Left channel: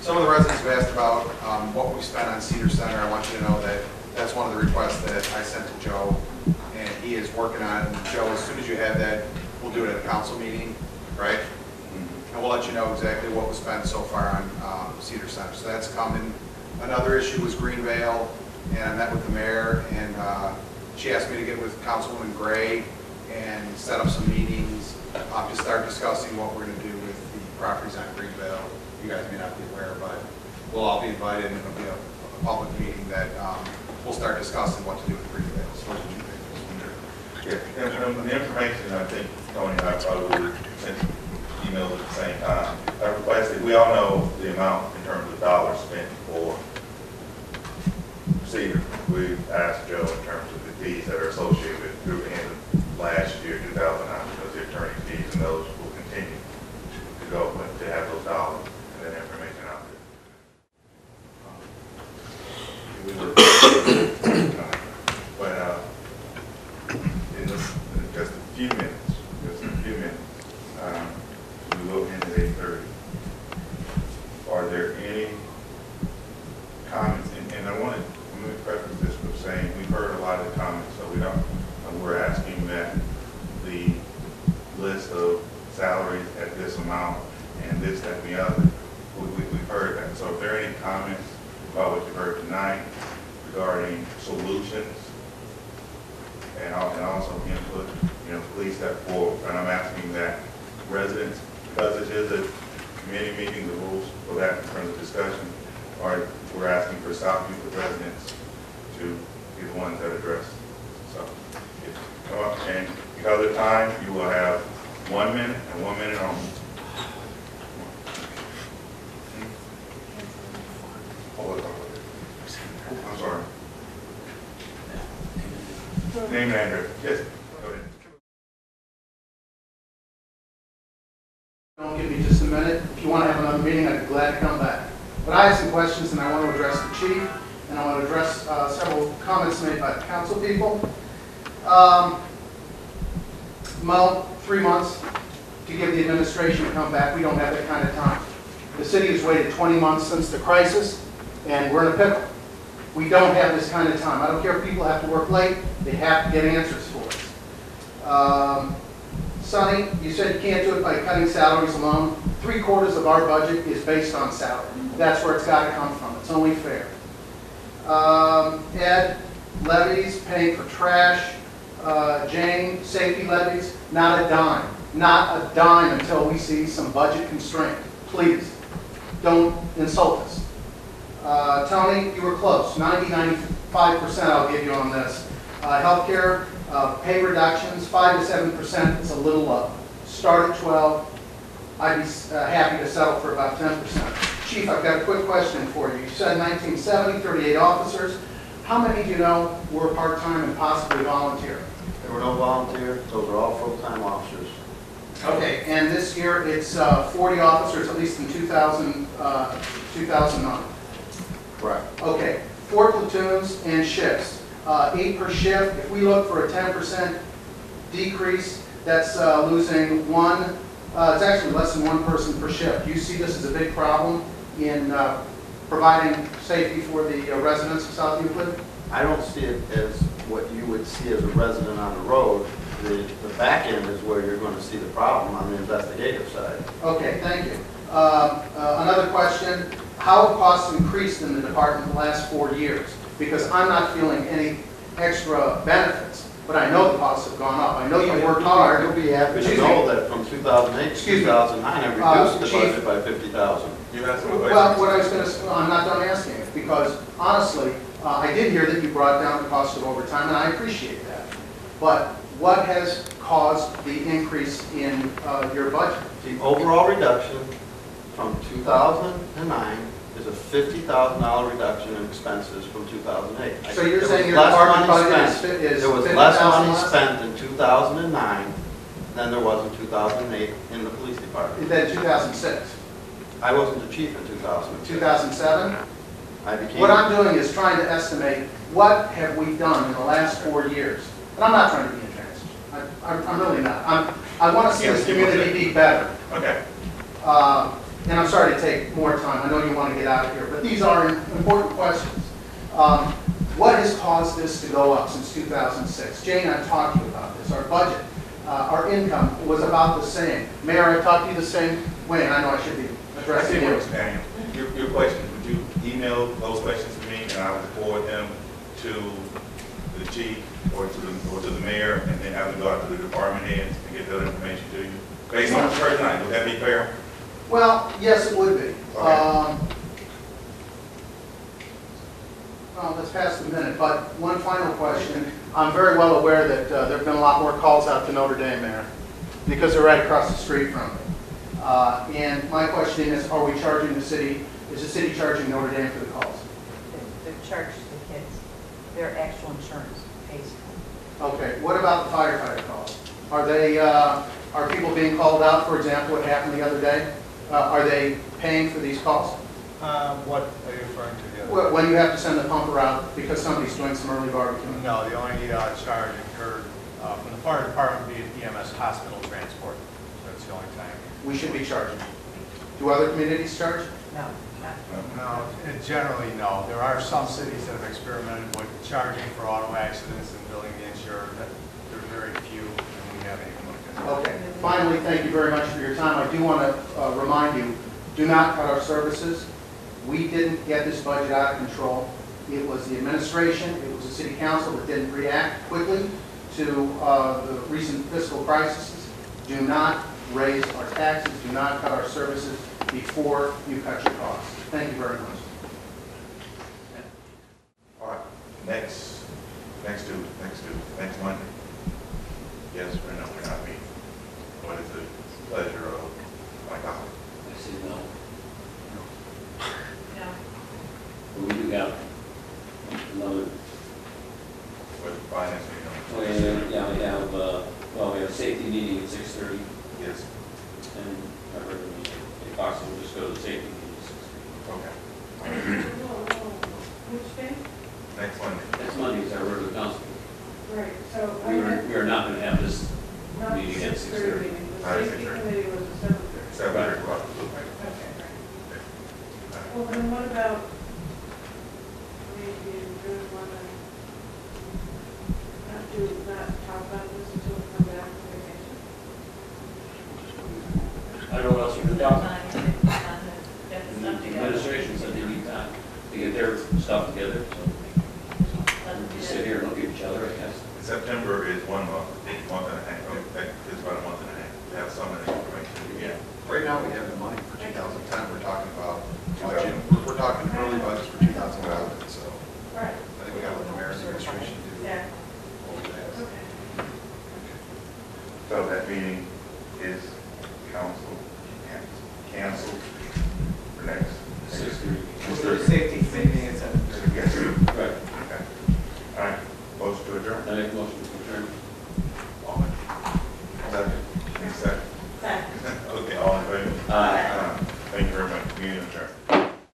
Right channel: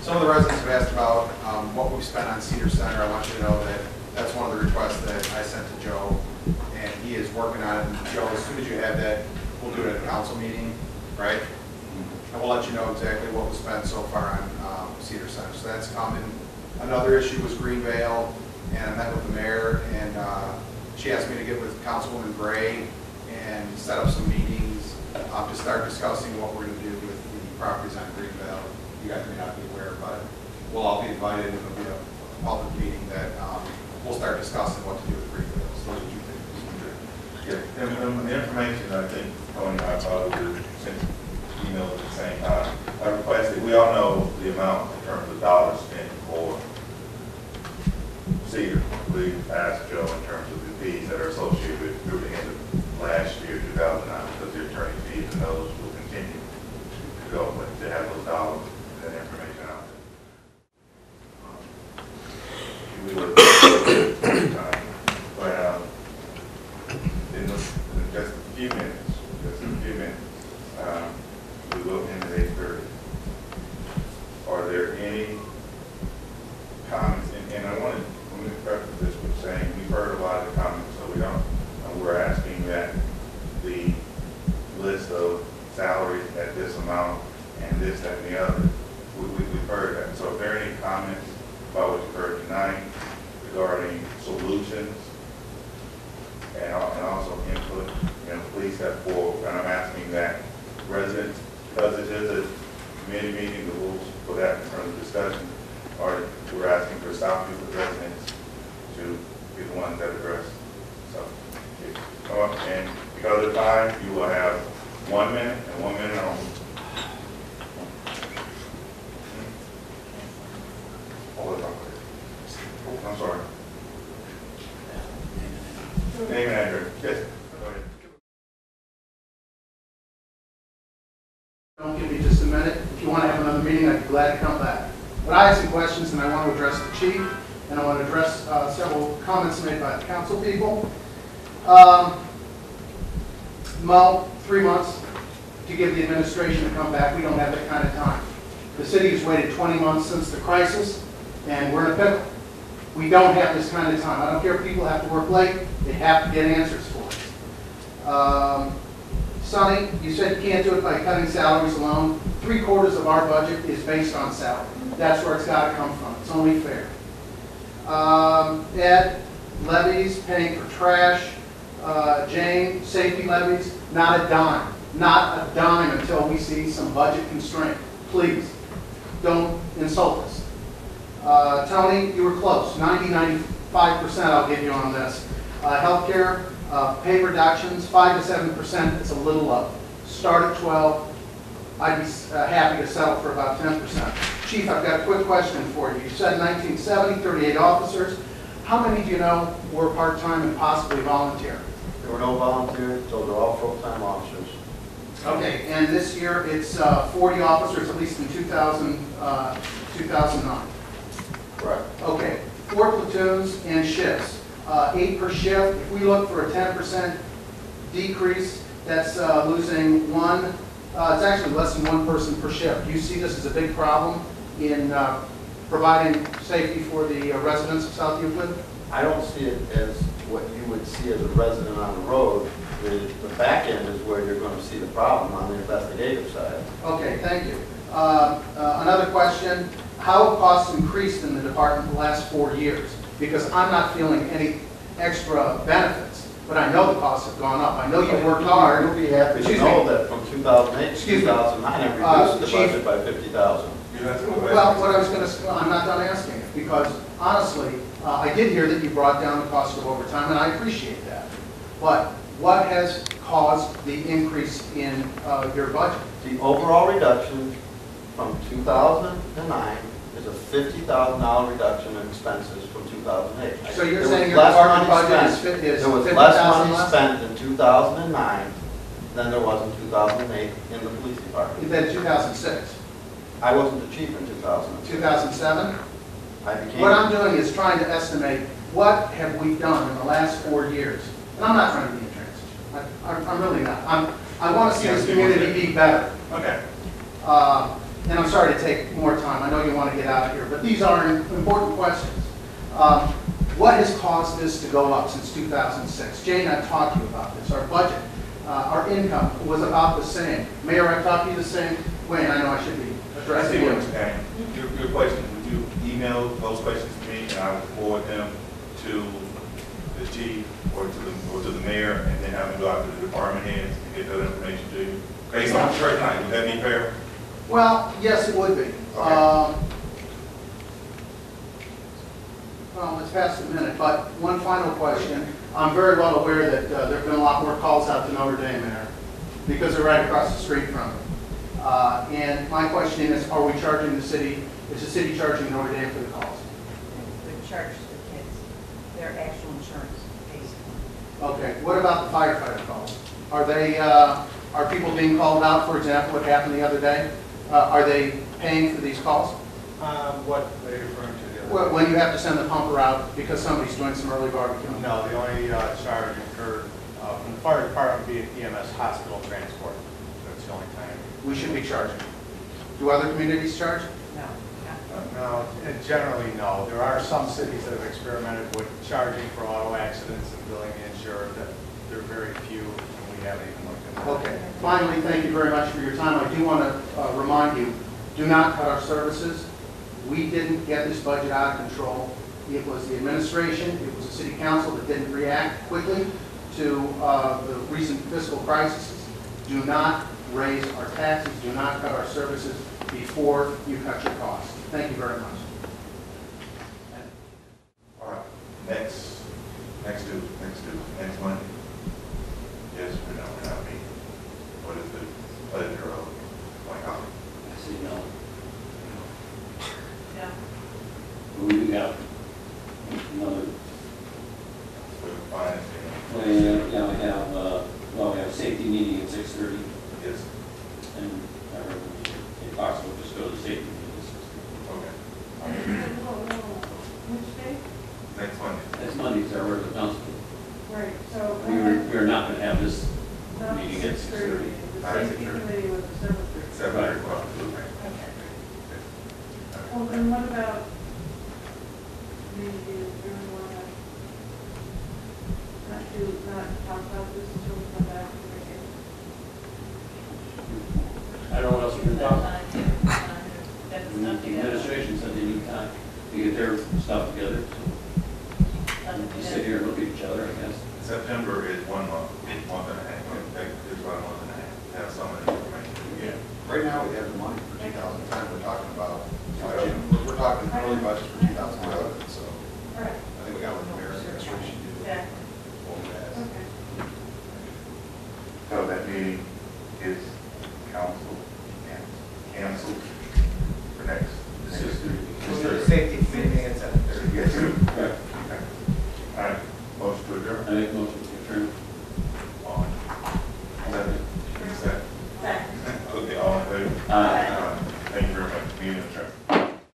Some of the residents have asked about what we've spent on Cedar Center. I want you to know that that's one of the requests that I sent to Joe, and he is working on it. And Joe, as soon as you have that, we'll do it at a council meeting, right? And we'll let you know exactly what was spent so far on Cedar Center. So that's coming. Another issue was Greenvale, and I met with the mayor, and she asked me to get with Councilwoman Gray and set up some meetings to start discussing what we're going to do with the properties on Greenvale. You guys may not be aware, but we'll all be invited, and it'll be a public meeting that we'll start discussing what to do with Greenvale. So what did you think? Yeah, and the information, I think Tony and I probably sent emails at the same time. I requested, we all know the amount in terms of dollars spent for Cedar. We've asked Joe in terms of the fees that are associated with through the end of last year, 2009, because the attorney fees and those will continue to go, but to have those dollars and that information out there. We were in just a few minutes, we will end at 8:30. Are there any comments? And I wanted to preface this with saying we've heard a lot of the comments, so we don't. We're asking that the list of salaries at this amount and this, that, and the other. We've heard that. So if there are any comments about what you heard tonight regarding solutions and also input, please step forward. And I'm asking that residents, because it is a committee meeting, the rules for that in terms of discussion, we're asking for South Euclid residents to be the ones that address. So, come up, and because of time, you will have 1 minute and 1 minute only. Hold it up. Oh, I'm sorry. Name and address. Yes. Go ahead. Don't give me just a minute. If you want to have another meeting, I'd be glad to come back. But I have some questions, and I want to address the chief, and I want to address several comments made by the council people. Mo, 3 months to give the administration to come back. We don't have that kind of time. The city has waited 20 months since the crisis, and we're in a pickle. We don't have this kind of time. I don't care if people have to work late. They have to get answers for us. Sonny, you said you can't do it by cutting salaries alone. 3/4 of our budget is based on salary. That's where it's got to come from. It's only fair. Ed, levies, paying for trash. Jane, safety levies, not a dime. Not a dime until we see some budget constraint. Please, don't insult us. Tony, you were close. 90–95% I'll give you on this. Healthcare, pay reductions, 5 to 7%. It's a little low. Start at 12. I'd be happy to settle for about 10%. Chief, I've got a quick question for you. You said 1970, 38 officers. How many do you know were part-time and possibly volunteer? There were no volunteers. Those are all full-time officers. Okay, and this year it's 40 officers, at least in 2009. Correct. Okay, 4 platoons and shifts, 8 per shift. If we look for a 10% decrease, that's losing one. It's actually less than 1 person per shift. Do you see this as a big problem in providing safety for the residents of South Euclid? I don't see it as what you would see as a resident on the road. The back end is where you're going to see the problem on the investigative side. Okay, thank you. Another question. How have costs increased in the department the last 4 years? Because I'm not feeling any extra benefits, but I know the costs have gone up. I know you worked hard. You'll be happy to know that from 2008 to 2009, I reduced the budget by $50,000. Well, what I was going to, I'm not done asking it, because honestly, I did hear that you brought down the cost of overtime, and I appreciate that. But what has caused the increase in your budget? The overall reduction from 2009 is a $50,000 reduction in expenses from 2008. So you're saying your department budget is there was less money spent in 2009 than there was in 2008 in the police department. Then 2006. I wasn't the chief in 2006. 2007? I became. What I'm doing is trying to estimate what have we done in the last 4 years. And I'm not trying to be intransigent. I'm really not. I want to see this community be better. Okay. and I'm sorry to take more time, I know you want to get out of here, but these are important questions. What has caused this to go up since 2006? Jane, I've talked to you about this. Our budget, our income was about the same. Mayor, I've talked to you the same way, and I know I should be I addressing see you. what you're saying. Your questions, would you email those questions to me and I will forward them to the chief or to the mayor and then have them go out to the department heads and get that information to you? Based on the personality, would that be fair? Well, yes, it would be. Okay. Well, let's pass the minute, but one final question. I'm very well aware that there have been a lot more calls out to Notre Dame, Mayor, because they're right across the street from it. And my question is, are we charging the city, is the city charging Notre Dame for the calls? They're charged to the kids. Their actual insurance pays. Okay, what about the firefighter calls? Are they, are people being called out, for example, what happened the other day? Are they paying for these calls? What are you referring to? The other When you have to send the pumper out because somebody's doing some early barbecuing? No, the only charge incurred from the fire department would be EMS hospital transport. That's the only time. We should be charging. Do other communities charge? No, not. No, generally no. There are some cities that have experimented with charging for auto accidents and billing the insurer. There are very few, and we have anything like that. Okay. Finally, thank you very much for your time. I do want to remind you, do not cut our services. We didn't get this budget out of control. It was the administration, it was the city council that didn't react quickly to the recent fiscal crises. Do not raise our taxes, do not cut our services before you cut your costs. Thank you very much. All right, next Monday. Yes or no, we're not meeting. What is the pleasure of my colleague? I say no. No. But we do have another, With the finance, well, yeah, we have, we have a safety meeting at 6:30, Yes, and I heard if possible, just go to the safety meeting at 6:30. okay. Which day? Next Monday. Next Monday is our regular council. Right, so. We are not going to have this Not meeting at 6:30. Not at The safety 6:30. committee was at 7:30. Except for Right. the cost. Okay. Well, then what about, maybe you really want to not talk about this until we come back from the meeting? I don't know what else you can talk about. Get the The stuff together. administration said they need time to get their stuff together, so we sit here and look at each other, I guess. September is 1 month, month and a half, it's about a month and a half, to have some of the information. Yeah. Right now, we have the money for 2010, we're talking about, we're talking early budgets for 2011, so Right, I think we got to let the mayor's administration do exactly. what we have. Okay. So that meeting is